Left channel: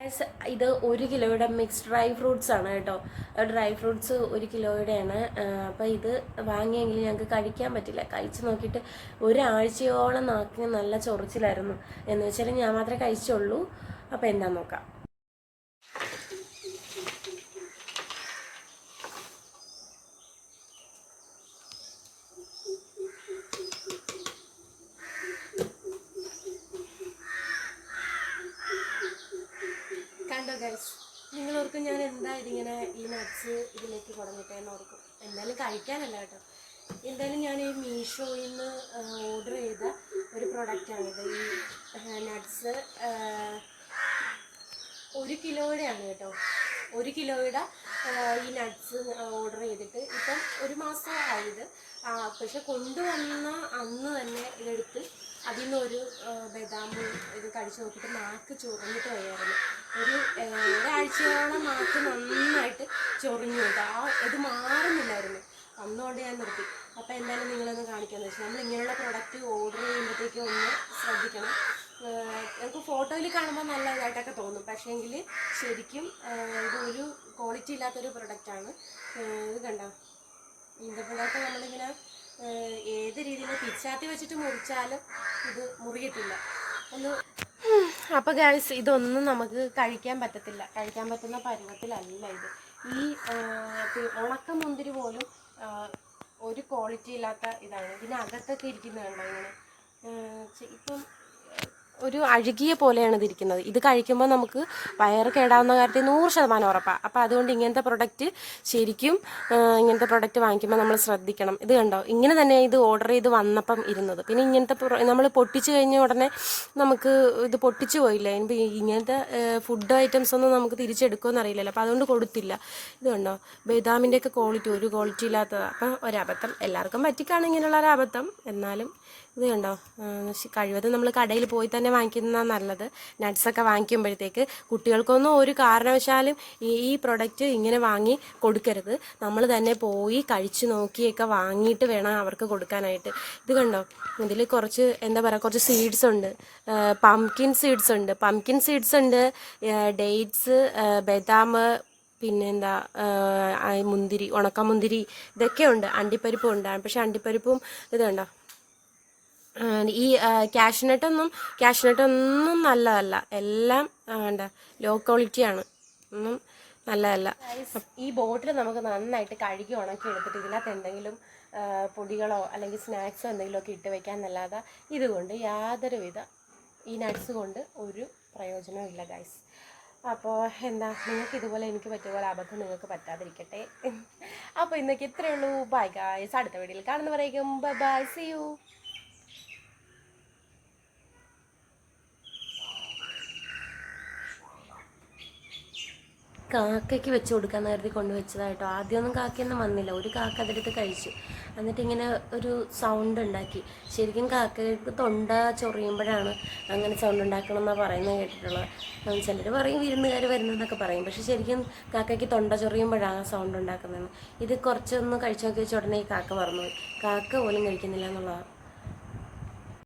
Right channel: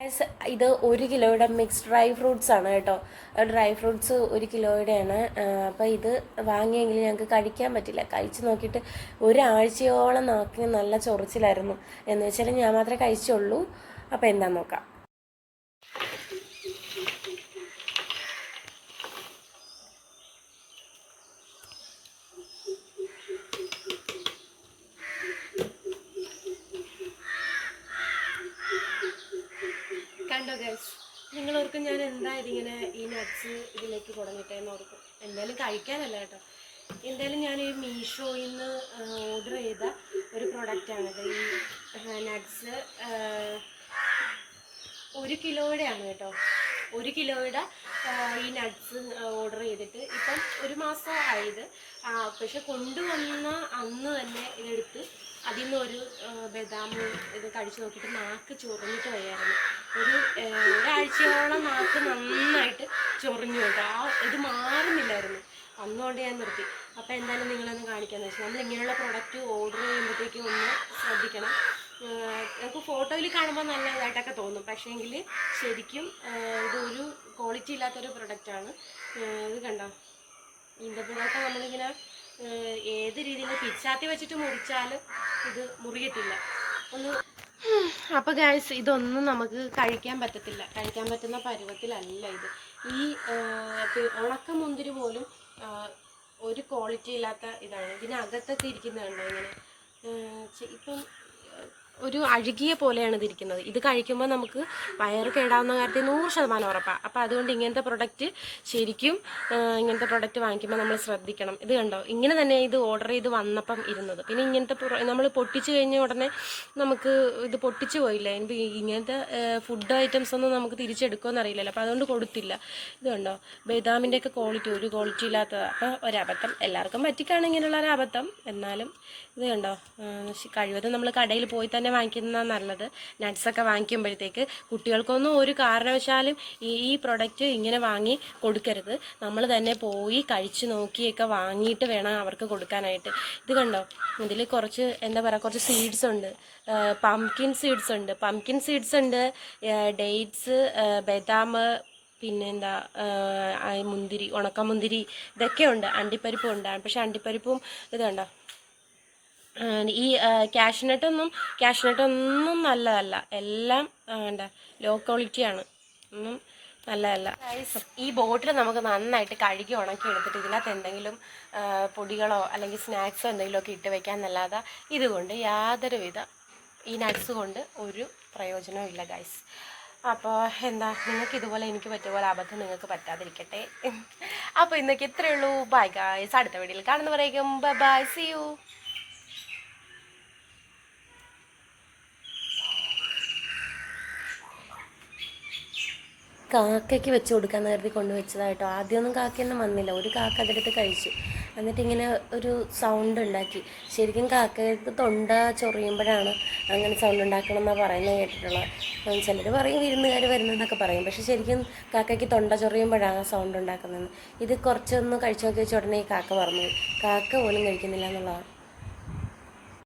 ഇത് 1 കിലോയുടെ mix dry fruits ആണ് കേട്ടോ. Dry fruits 1 കിലോയുടെയാണ്. അപ്പോൾ ഇത് വാങ്ങിയെങ്കിൽ ഞങ്ങൾക്ക് കഴിക്കാൻ പറ്റില്ല. കഴിച്ച് നോക്കിയിട്ട് ഒരാഴ്ചയോളം നാക്കിന് നല്ല ചൊറിച്ചിലായിരുന്നു. എന്ന് വെച്ചാൽ ഞാൻ മാത്രമേ കഴിച്ചുള്ളൂ. അപ്പോൾ എന്താണെന്ന് നോക്കാം. കണ്ടോ ഗൈസ്, നിങ്ങളോർക്കും ഞാൻ എന്തായാലും ഇങ്ങനെ ഈ നട്ട്സ് ഇതിലേക്ക് തുടങ്ങിയിട്ടേന്ന് ഓർക്കും. എന്തായാലും കഴിക്കാനല്ല കേട്ടോ. എന്തായാലും ഞാൻ ഈ മീഷോയിൽ നിന്ന് ഓർഡർ ചെയ്ത ഒരു പ്രൊഡക്റ്റാണിത്. ഈ നട്ട്സ് 1 കിലോയുടെയാണ് കേട്ടോ. 1 കിലോയുടെ ഈ നട്ട്സ് ഓർഡർ ചെയ്തിട്ട് ഇപ്പം 1 മാസം ആയത്. പക്ഷെ കൊണ്ടുവന്ന അന്ന് തന്നെ ഇതെടുത്ത് അതിൽ നിന്നൊരു ബദാം ഇത് കഴിച്ച് നോക്കിയിട്ട് നാക്ക് ചൊറിഞ്ഞിട്ട് വയ്യായിരുന്നു. ഒരാഴ്ചയോളം നാക്ക് നന്നായിട്ട് ചൊറിഞ്ഞു കേട്ടോ. ഇത് മാറുന്നില്ലായിരുന്നു. അന്നുകൊണ്ട് ഞാൻ നിർത്തി. അപ്പോൾ എന്തായാലും നിങ്ങളൊന്ന് കാണിക്കാമെന്ന് വെച്ചാൽ നമ്മൾ ഇങ്ങനെയുള്ള പ്രൊഡക്റ്റ് ഓർഡർ ചെയ്യുമ്പോഴത്തേക്കും ഒന്ന് ശ്രദ്ധിക്കണം. നമുക്ക് ഫോട്ടോയിൽ കാണുമ്പോൾ നല്ല ഇതായിട്ടൊക്കെ തോന്നും, പക്ഷേങ്കിൽ ശരിക്കും ഇതൊരു ക്വാളിറ്റി ഇല്ലാത്തൊരു പ്രൊഡക്റ്റാണ്. ഇത് കണ്ടോ, ഇതിൻ്റെ പിന്നൊക്കെ നമ്മളിങ്ങനെ ഏത് രീതിയിൽ പിച്ചാത്തി വെച്ചിട്ട് മുറിച്ചാലും ഇത് മുറിയത്തില്ല ഒന്ന്. അപ്പോൾ ഗൈസ്, ഇതൊന്നും നമുക്ക് കഴിക്കാൻ പറ്റത്തില്ല. കഴിക്കാൻ പറ്റുന്ന പരുവത്തിലല്ല ഇത്. ഈ ഉണക്കമുന്തിരി പോലും ഒരു ക്വാളിറ്റി ഇല്ലാത്ത ഇതാണ്. ഇതിനകത്തൊക്കെ ഇരിക്കുന്നതുണ്ടോ ഇങ്ങനെ ഇപ്പം ഒരു അഴുകിയ പോലെയാണ് ഇതിരിക്കുന്നത്. ഇത് കഴിക്കുമ്പോൾ നമുക്ക് വയറ് കേടാവുന്ന കാര്യത്തിൽ 100% ഉറപ്പാണ്. അപ്പോൾ അതുകൊണ്ട് ഇങ്ങനത്തെ പ്രൊഡക്റ്റ് ശരിക്കും ഇങ്ങനത്തെ പ്രൊഡക്റ്റ് വാങ്ങിക്കുമ്പോൾ നമ്മൾ ശ്രദ്ധിക്കണം. ഇത് കണ്ടോ, ഇങ്ങനെ തന്നെ ഇത് ഓർഡർ ചെയ്ത് വന്നപ്പം ഇരുന്നത്. പിന്നെ ഇങ്ങനത്തെ നമ്മൾ പൊട്ടിച്ച് കഴിഞ്ഞ ഉടനെ നമുക്ക് ഇത് പൊട്ടിച്ചു പോയില്ല. ഇങ്ങനത്തെ ഫുഡ് ഐറ്റംസ് ഒന്നും നമുക്ക് തിരിച്ചെടുക്കുമെന്ന് അറിയില്ലല്ലോ. അപ്പോൾ അതുകൊണ്ട് കൊടുത്തില്ല. ഇത് കണ്ടോ, ബദാമിൻ്റെയൊക്കെ ക്വാളിറ്റി ഒരു ക്വാളിറ്റി ഇല്ലാത്തതാണ്. അപ്പോൾ ഒരബദ്ധം എല്ലാവർക്കും പറ്റിക്കാണ് ഇങ്ങനെയുള്ള ഒരു അബദ്ധം. എന്നാലും ഇത് കണ്ടോ, കഴിവതും നമ്മൾ കടയിൽ പോയി തന്നെ വാങ്ങിക്കുന്നതാണ് നല്ലത്. നട്ട്സൊക്കെ വാങ്ങിക്കുമ്പോഴത്തേക്ക് കുട്ടികൾക്കൊന്നും ഒരു കാരണവശാലും ഈ പ്രൊഡക്റ്റ് ഇങ്ങനെ വാങ്ങി കൊടുക്കരുത്. നമ്മൾ തന്നെ പോയി കഴിച്ചു നോക്കിയൊക്കെ വാങ്ങിയിട്ട് വേണം അവർക്ക് കൊടുക്കാനായിട്ട്. ഇത് കണ്ടോ, ഇതിൽ കുറച്ച് എന്താ പറയുക, കുറച്ച് സീഡ്സ് ഉണ്ട്. പംകിൻ സീഡ്സ് ഉണ്ട്, ഡേറ്റ്സ്, ബദാം, പിന്നെന്താ മുന്തിരി, ഉണക്കമുന്തിരി, ഇതൊക്കെ ഉണ്ട്. അണ്ടിപ്പരിപ്പും ഉണ്ട്. പക്ഷെ അണ്ടിപ്പരിപ്പും ഇത് കണ്ടോ, ഈ കാഷ്നട്ടൊന്നും നല്ലതല്ല. എല്ലാം എന്താ ലോ ക്വാളിറ്റിയാണ്, ഒന്നും നല്ലതല്ല. ഈ ബോട്ടിൽ നമുക്ക് നന്നായിട്ട് കഴുകി ഉണക്കി എടുത്തിട്ട് ഇതിനകത്ത് എന്തെങ്കിലും പൊടികളോ അല്ലെങ്കിൽ സ്നാക്സോ എന്തെങ്കിലുമൊക്കെ ഇട്ട് വെക്കാമെന്നല്ലാതെ ഇതുകൊണ്ട് യാതൊരുവിധ ഈ നട്ട്സ് കൊണ്ട് ഒരു പ്രയോജനവും ഇല്ല ഗൈസ്. അപ്പോൾ എന്താ, നിങ്ങൾക്ക് ഇതുപോലെ എനിക്ക് പറ്റിയ പോലെ അബദ്ധം നിങ്ങൾക്ക് പറ്റാതിരിക്കട്ടെ. അപ്പോൾ ഇന്നൊക്കെ ഇത്രയേ ഉള്ളൂ. Bye guys. അടുത്ത വീഡിയോയിൽ കാണുന്നവരേക്കും ബൈ, സീ യു. കാക്കയ്ക്ക് വെച്ച് കൊടുക്കാമെന്ന് കരുതി കൊണ്ടുവച്ചതായിട്ടോ. ആദ്യമൊന്നും കാക്കയൊന്നും വന്നില്ല. ഒരു കാക്ക അതെടുത്ത് കഴിച്ചു. എന്നിട്ട് ഇങ്ങനെ ഒരു സൗണ്ട് ഉണ്ടാക്കി. ശരിക്കും കാക്കയ്ക്ക് തൊണ്ട ചൊറിയുമ്പോഴാണ് അങ്ങനെ സൗണ്ട് ഉണ്ടാക്കണം എന്നാണ് പറയുന്നത് കേട്ടിട്ടുള്ളത്. ചിലർ പറയും വിരുന്നുകാർ വരുന്നതെന്നൊക്കെ പറയും. പക്ഷെ ശരിക്കും കാക്കയ്ക്ക് തൊണ്ട ചൊറിയുമ്പോഴാണ് സൗണ്ട് ഉണ്ടാക്കുന്നതെന്ന്. ഇത് കുറച്ചൊന്ന് കഴിച്ചു നോക്കി വെച്ച ഉടനെ ഈ കാക്ക മറന്നുപോയി. കാക്ക പോലും കഴിക്കുന്നില്ല എന്നുള്ളതാണ്.